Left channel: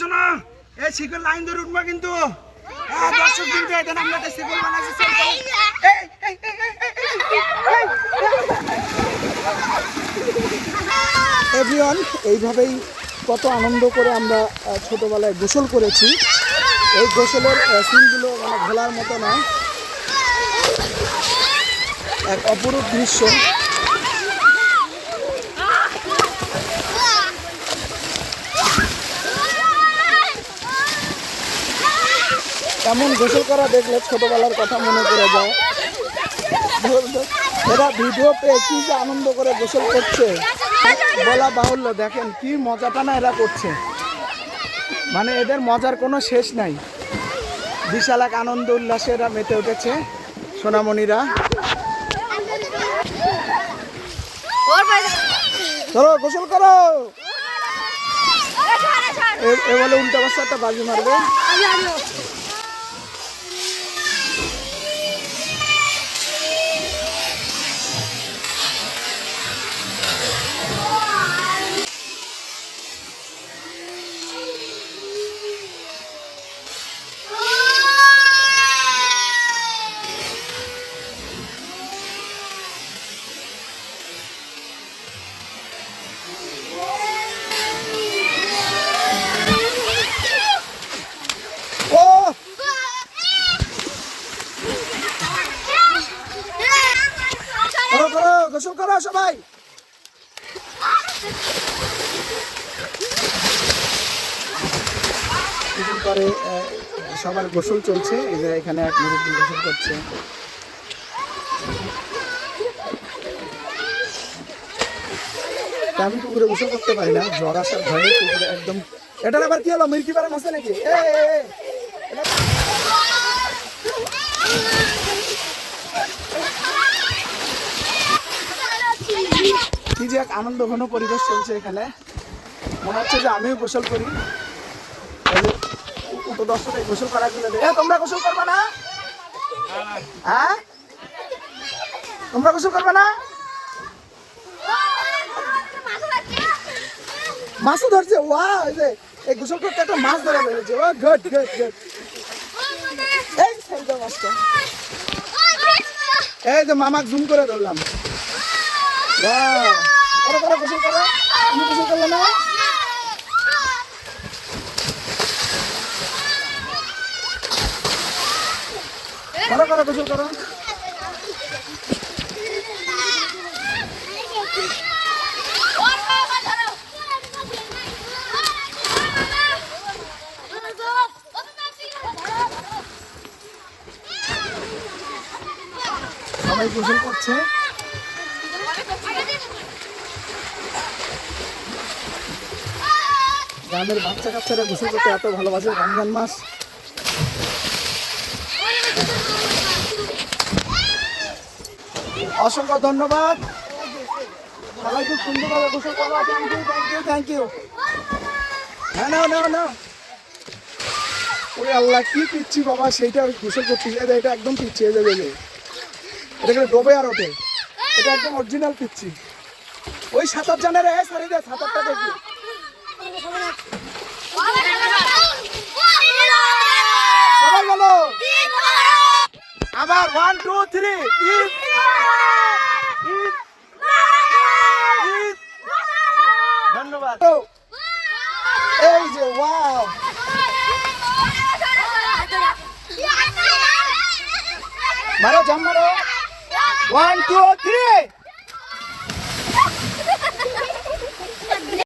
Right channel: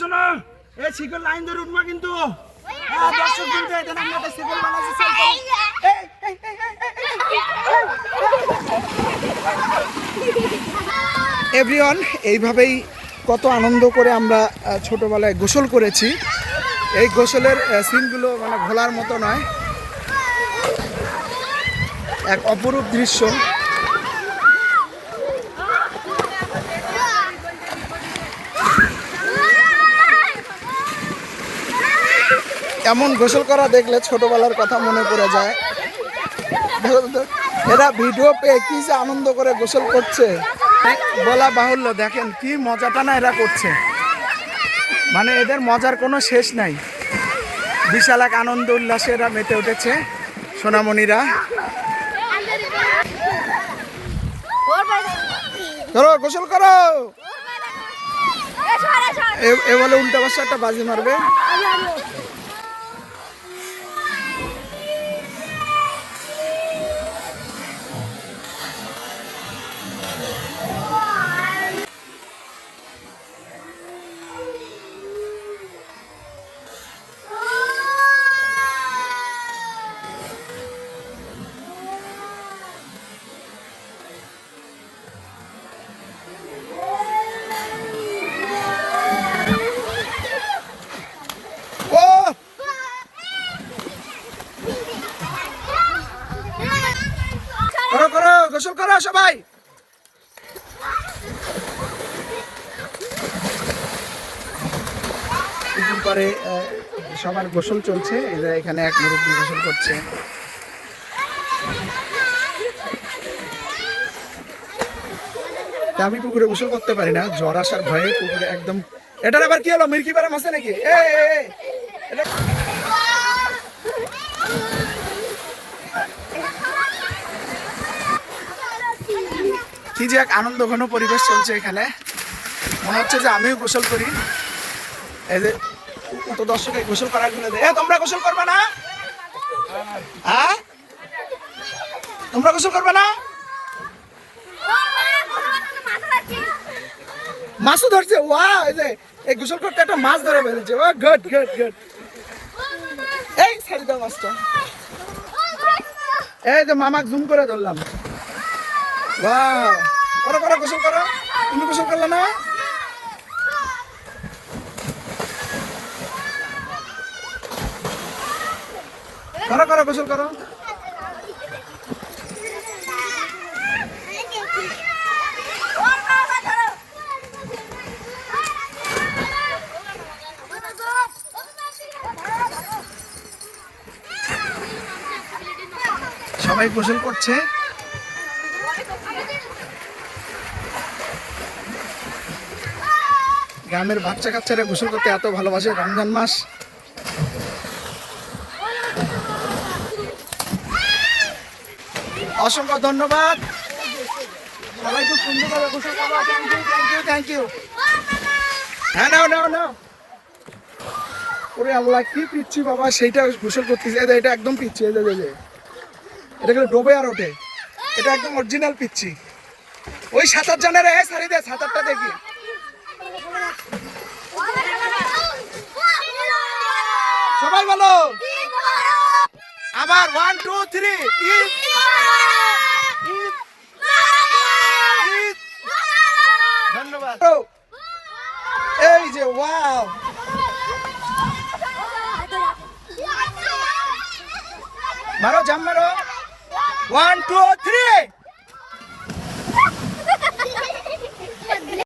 শোনো, এই শিকল লাইন ধরে উঠবা কিন্তু দর্শক কিন্তু এখানে আমরা শিকল বানাচ্ছি। এভরিওয়ান, এইভাবেই কত আনন্দ করে আমরা ছোটবেলায় গোসল করেছি। এই গোসলের সিনগুলো মানে ভোলার মতো নয়, এক অপরূপ দৃশ্য। এমন গোসল করা দেখলে ছোটবেলার কথা মনে পড়ে যায়। এরা ভিডিও পেয়ে কি যে আনন্দ করে গোসল করছে বলা বাহুল্য। দেখেন কি মজাটা না এরা করছে, মানে এদের মজার কোনো শেষ নাই। বিশাল এক আনন্দ উল্লাসে এরা মেতে উঠেছে সোনামণিরা। চলো গোসল করো। এ বলে উল্টা পাশে একটা বাজি মারবে। গোসল করো সবাই। পরে সবার গোসল চলছে। এখানে এক মুরব্বী গোসল করছে। আমি পুকুরে গোসল করতে পারি না, জ্বর আসার ভয়ে পুকুরে একদম। এটার আবার কি হলো, মির্কি পারে মাসে নাকি? কি যে এক আনন্দ ঘন পরিবেশ চলছে এখানে, মনে হচ্ছে যে আমিও গোসল করি। এই যে তো দর্শকে গোসল করার জন্য তোমরা গোসল করবে না? হ্যাঁ, তোমরা গোসল করবে না? মাছও ধরছে। ওয়া, এই গোসল করতে একটা মাছ ধরে ফেলেছে। ও গুড গুড গুড। এই ছেড়ে দাও মাছটা। এই যে মামাক জুম করে ধরলাম। বাহ, করো করো গোসল করো। তুমি গোসল করলে না? করো করো গোসল করো। সবাই গোসল করছে। গ্রামের বাচ্চা কাচ্চারা গোসল করতে এত ভালোবাসে রমজান মাস। অসংখ্য ধন্যবাদ। সবাই খুব সুন্দরভাবে গোসল করো। Thank you thank you thank you. হ্যাঁ, নাও নাও নাও। ওরে আল্লাহ, কি পিচ্ছি বাবা, সেইটা গোসল করতেছে। এটা একদম পিচ্ছি। এটা কিন্তু ডোবে আর ওঠে। এটা একদম অরিজিনাল পিচ্ছি। ওই সাঁতার জানে রে, সারি দে সাঁতারটা দেখি। সবাই বলো আবার 1 2 3 ধন্যবাদ। এই যে ওয়াও, মারো জাম মারো। 1 2 3